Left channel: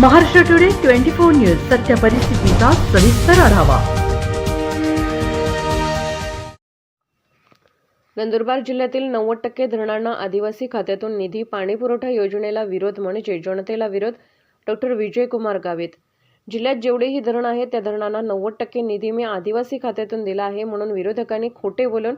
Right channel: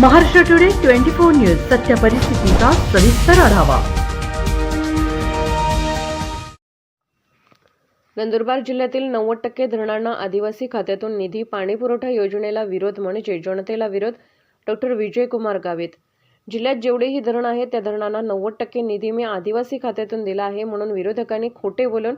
Maharashtra today twenty four news सत्य परिस्थितीचा सविस्तर आढावा. नंदुरबार जिल्ह्यातील नव्वद टक्के धरणांना आदिवासी खात्यातून निधी पाणीपुरवठा योजनेला विरोध म्हणजे जनतेला विरोध डॉक्टर विजयकुमार गावित. जिल्ह्यात जेवढेही धरण आहेत त्या धरणांना नव्वद टक्के निधी मी आदिवासी खात्यातून दिला आहे म्हणून विरोधकांनी खोटे बोलून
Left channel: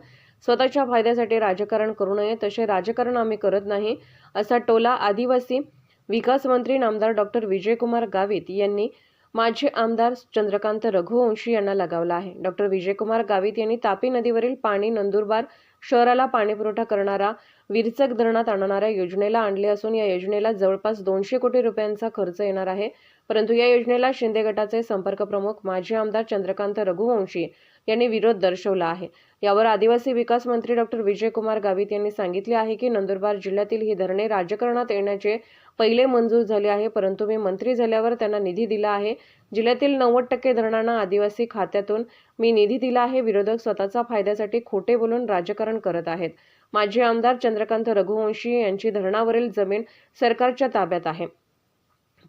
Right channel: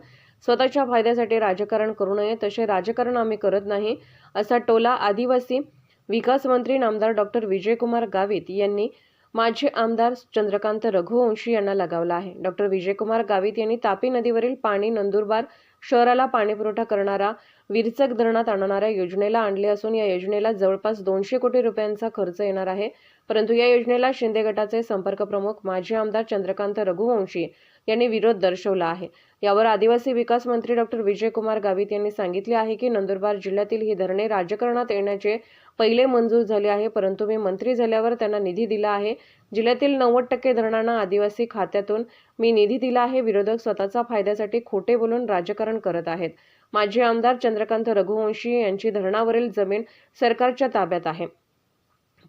स्वतःच्या फायद्यासाठी राजकारण करू नये तसे राजकारण आम्ही करत नाही असा टोला आदिवासी विकास मंत्री नामदार डॉक्टर विजयकुमार गावित यांनी माजी आमदार चंद्रकांत रघुवंशी यांना लगावला आहे. डॉक्टर विजयकुमार गावित यांनी तापी नदीवरील पाणी नंदुरबार शहराला पाणीपुरवठा करणारा विरचक धरणात आणणाऱ्या योजनेला आणले असून या योजनेला जवळपास दोनशे कोटी रुपयांचा खर्च येणार आहे. परंतु या योजनेला शिंदे गटाचे संपर्क प्रमुख माजी आमदार चंद्रकांत रघुवंशी यांनी विरोध दर्शवला आहे. यावर आदिवासी विकास मंत्री डॉक्टर विजयकुमार गावित यांनी सांगितले आहे की नंदुरबार जिल्ह्यातील ही धरणे राजकारणात येण्याचे पहिले मंजूर झाले आहे. परंतु मी मंत्री झाल्यावर त्यांना निधी दिला आहे. जिल्ह्यातील नव्वद टक्के धरणांना आदिवासी खात्यातून मी निधी दिला आहे. विरोधक स्वतःचा फायद्यासाठी खोटे बोलून राजकारण करत आहेत. माजी आमदार चंद्रकांत रघुवंशी यांची धरणावरील जमीन सरकारच्या ताब्यात आहे.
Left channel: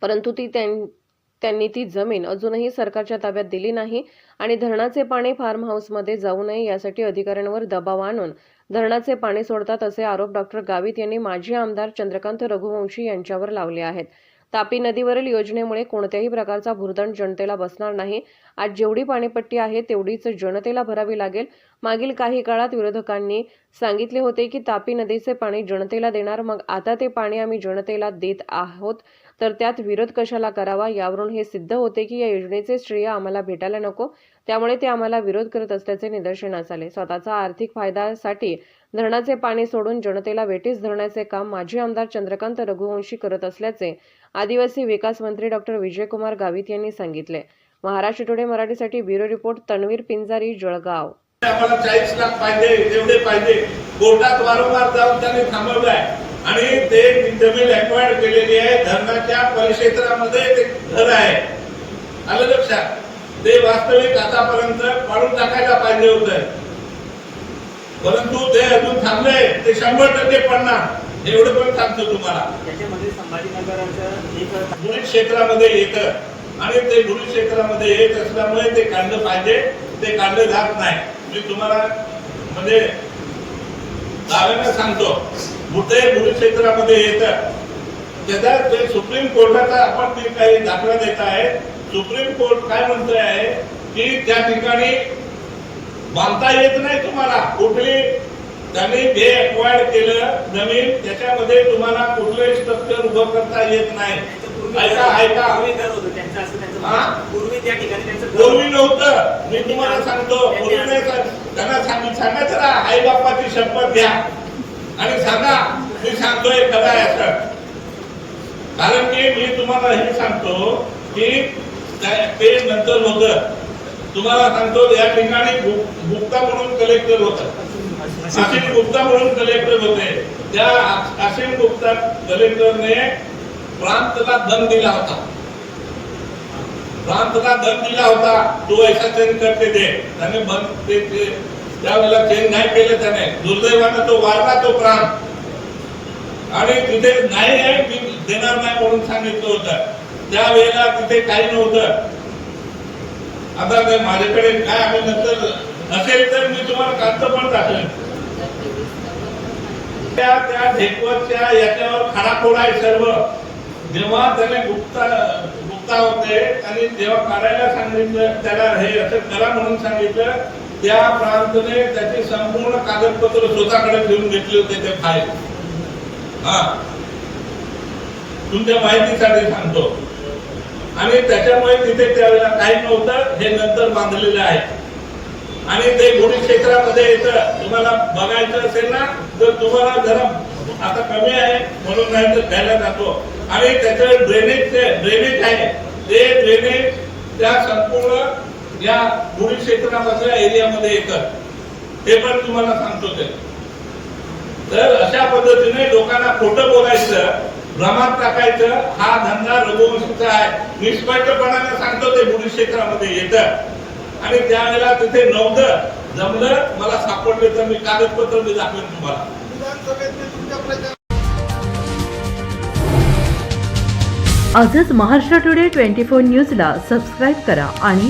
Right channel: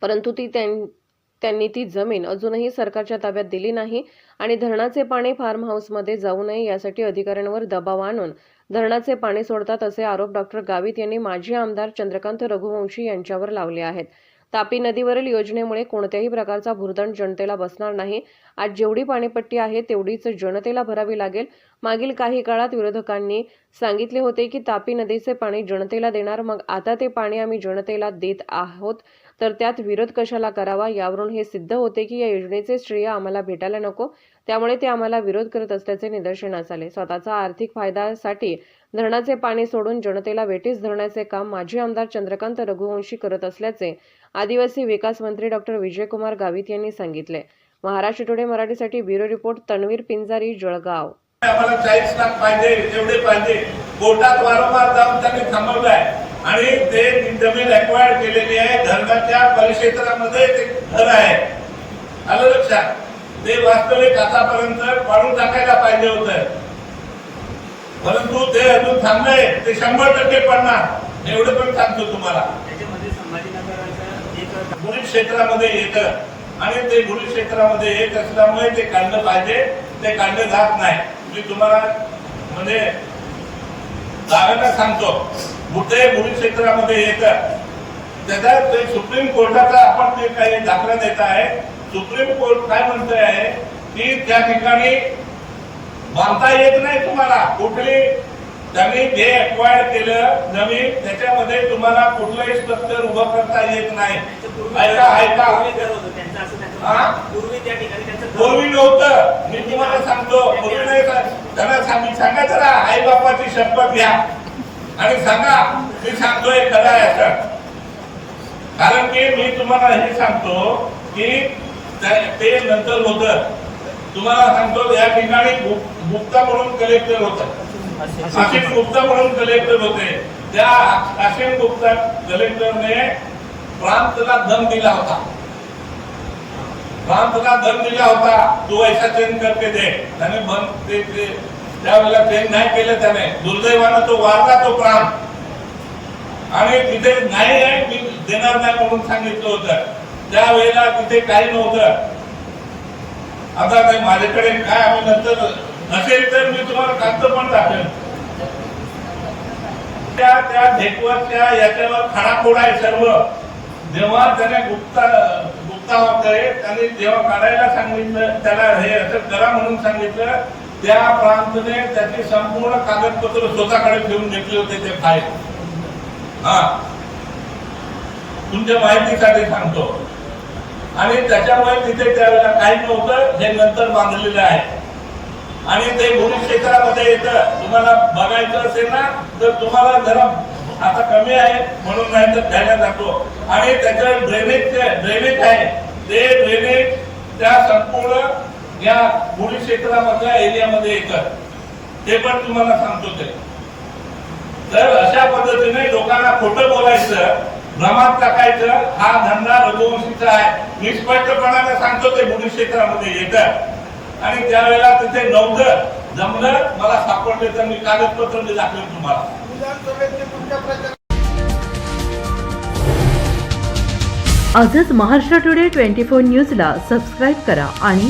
परंतु ती त्यांनी ती जमीन अजूनही सरकारच्या ताब्यात दिली नाही आणि धरणाचे पाणी फार्म हाऊसमध्ये जाऊ नये यासाठी अधिकाऱ्यांवर दबाव आणून धरणाचे पाणी सोडतात असे आरोप डॉक्टर गावित यांनी माजी आमदार चंद्रकांत रघुवंशी यांच्यावर लावले आहेत. तापी नदीवरील योजनेमुळे कोणत्याही प्रकारचा भूर्दंड जनतेला बसणार नाही. आज जेवढी पाणीपट्टी आहे तेवढीच जनतेला भरावी लागेल. मागील काही काळात विरोधकांनी सांगितले होते की तापी नदीचे पाणी जनतेला देणार मग आता ते पाणी आम्ही जनतेला देत आहोत. तर त्यात विरोध कशाला करावा यावरून हे सिद्ध होते की या योजनेचे श्रेय आम्हाला भेटायला नको. त्यामुळे ते आम्हाला विरोध करत असल्याचे निदर्शनास आले. स्वतःचा आर्थिक फायद्यासाठी धरणाचे पाणी सोडून जनतेला वेटीस धरण्याचे काम माजी आमदार चंद्रकांत रघुवंशी करत असल्याचे आदिवासी विकास मंत्री डॉक्टर विजयकुमार गावित यांनी सांगितले. महाराष्ट्र टुडे मराठीसाठी ब्युरो रिपोर्ट तन्वीर पिंजारी जळगाव. आम्हाला चाळीस लाख पाहिजे जेवढे पाहिजे. कोर्टात वारंवार जाऊन त्यांनी थांबवलंय. आणि ते जमीन एक्वायर्ड केलेली आहे. धरणाच्या परिक्षेत्रामध्ये ते घर आहे. आलं लक्षात? ते वास्तविक आतापर्यंत पाडून टाकायला पाहिजे होत. परंतु ते अजून थांबले ते शंभर टक्के पडणार. एवढं पण सांगतो तुम्हाला. बुडी क्षेत्रामध्ये येतं आणि ते बुडी क्षेत्रामध्ये येत असल्यामुळे ते काढलं पाहिजे. ते काढलं जात नाही. मी तुम्हाला म्हणजे दाव्यानं सांगतो. मुद्दे बुडी क्षेत्रामध्ये येतं त्याचा ते सुप्रीम कोर्टाचा आपण ते काही दाखला देत आहे सुप्रीम कोर्ट काय म्हणतोय आहे की त्या ठिकाणी बांधता येत नाही तुम्हाला. कुठली? त्यांनी जे अक्वायर केलं जमीन त्याच्यामध्ये तुम्हाला कुठलंही स्ट्रक्चर उभं करता येत नाही. ऐका ऐका. पूर्वी हा? नव्हतं. मी तुम्हाला सांगतो. पूर्वी नाही त्यांना सांगायचं सांगा जरा आई बापाची शपथ घ्या. आणि सांगा मी सांगतोय खरं आहे असं. कारण की मी तुम्हाला हे सांगतो की ते नंतर होत. तुम्हाला सांगतो या ठिकाणी गुप्ता म्हणून कलेक्टर होत. असिम गुप्ता म्हणून कलेक्टर होते. त्या असिम गुप्ता कलेक्टरने प्रांतला दम दिला होता. प्रांतला दम दिला होता तो ऐसा चेंज करते दे त्याने बंद ते- त्यावेळेला चेंज नाही केलं त्याने दुर्दैवानं तो वारला तो प्राण. आणि तिथे नाही नाही मी देणार नाही म्हणून सांगितलं होतं. त्यावेळेला तिथे काही नव्हतं. आता नाही माझ्याकडे काय आम्ही नंतर नसेल तर मी तुम्हाला कांत पण दाखवेन त्या त्या ढेकवरच्या याच्यावर खाडाखोड आहे सर्व. जेव्हा त्याने गुप्ता गुप्ता वगैरे त्याने जेव्हा काढायला सांगितलं त्याला हे असं करा म्हणून सांगितलं त्या प्रांतने त्याचे संपूर्ण कागदपत्र स्वतःकडे ठेवून घेतले होते ते फाईल हा. तुमच्या माहितीसाठी सांगतो. आणि त्याच्यामुळे तिथे त्यावेळेला काही नव्हतं हे नंतर बांधलेलं आहे. आणि ते गुढी क्षेत्रामध्ये येतं. तुम्हाला बघायचं असेल ना तर तुम्हाला जरा आता कमी आहे म्हणून नाही तर घ्यायला जातो आणि त्याच्या ड्रेनेज ड्रेनेज आहे. ते ड्रेनेज त्या संपूर्ण या गुढी क्षेत्रामधल्या एरियामध्ये येतात ते पण तुम्हाला सांगतो ते. तर अशा पद्धतीने लोकांना खोटं बोलायचं भ्रमात टाकायचं हा धंदा रघुवंशीचा आहे. मी स्पष्टपणाने सांगतो ते बुडी क्षेत्रामध्ये येतं. आणि त्यावेळेला तिथे नव्हतं जमलं मला सापडले तर मी कागदपत्र मी दाखवेन तुम्हाला. आजच महाराष्ट्र टुडे ट्वेंटी फोर न्यूजला सबस्क्राईब करा आणि